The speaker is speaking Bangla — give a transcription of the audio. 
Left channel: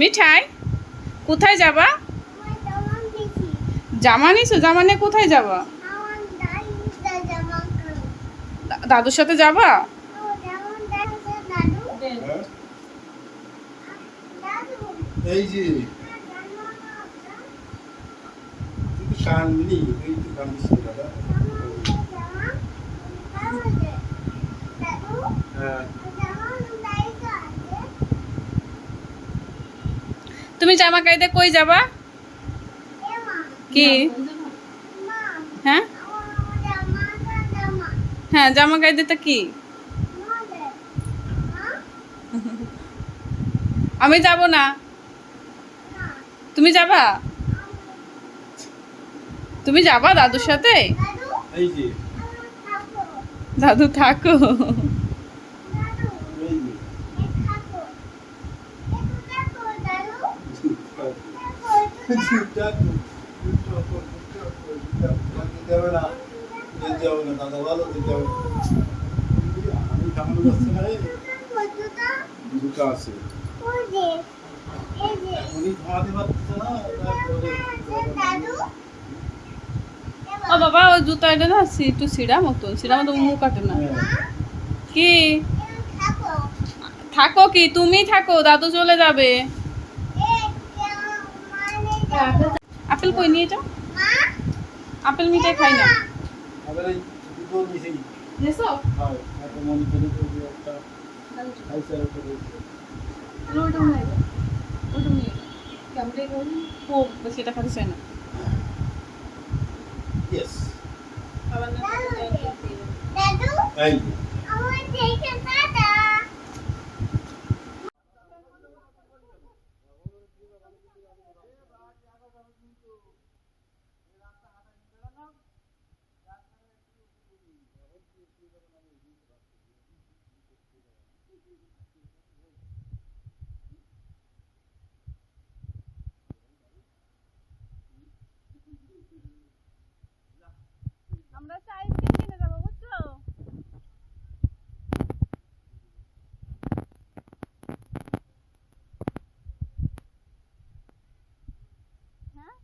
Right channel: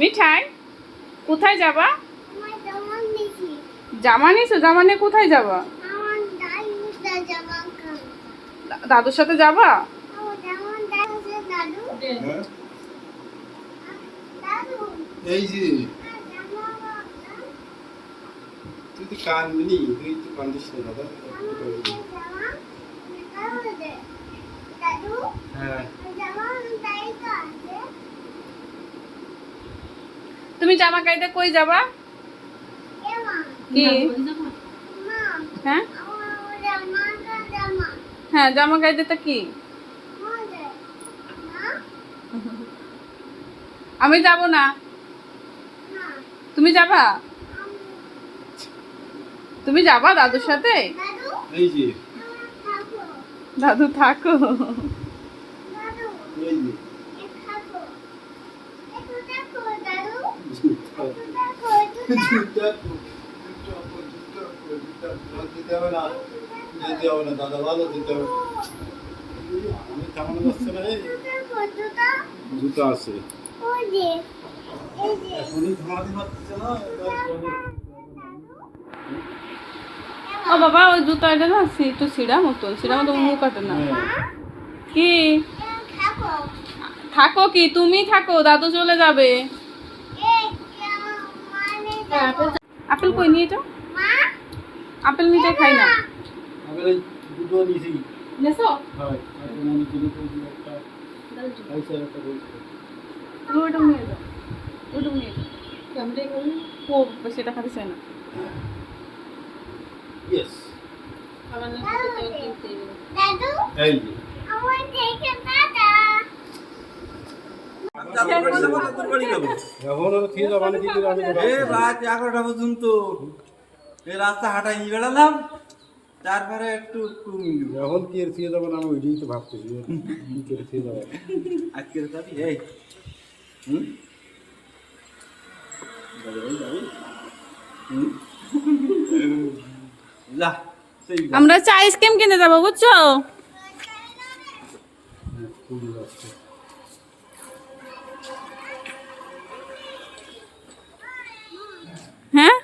মিঠাই কোথায় যাবা? জামা নিছো? জামা নিয়ে কোথায় যাবা? দাদুর সাথে যাবা? এই যে তুই তো কানবি, তুই তো কান্দিস না দাদা। হ্যাঁ তুমি জামা কাইদে কই যাবা? কি? হ্যাঁ হ্যাঁ, জামা কাইদেটা কি? আমি যাব না। তুমি যাবা? তুমি যাবা দাদুর সাথে? এই যে দাদু থাকো। এই যে দিতে হবে না, দিতে হবে না দাদা, ভালো দিতে হবে না। আমি থামানো যাচ্ছে না রে, জুতো আছে এখনই থামাতে পারছে না। ও বাবা, ওই জুতো এটা না একটু ছিঁড়া মতন মুখ কাটে না। কি থাকো? কি তুমি থাকো, দাদু চলে যাবে। আপেল কই নিয়ে যাও? আপেল মিঠাই খাই না। আবার এই দুটো নিয়েছি। নেছো? হয় আর মনে করে তো একটা আইসার একটা বলছে ওইটা নিয়ে যাও, ওইটা নিয়ে যাও। ক্যামেরাই করি ও সেটা খাতে চাই না। ইয়েস আবার না কিনতে এই যে এখন আর খেয়ে যাবো না, কিন্তু আমি রাত 11টা পর্যন্ত এই রাস্তা হাঁটাই নিয়ে বেড়ালাম, তারপরে একটু এখন কি আর খেয়ে যাবো না, আমি ওইটাই তো ভাবতেছি কি করে খেয়ে যাবো। আজকের যাবি এই হুম যাবি হুম যা সেই যা। আমরা চা আইসক্রিম কিনতে যাবো, বুঝছো? খুবই যাচ্ছে হ্যাঁ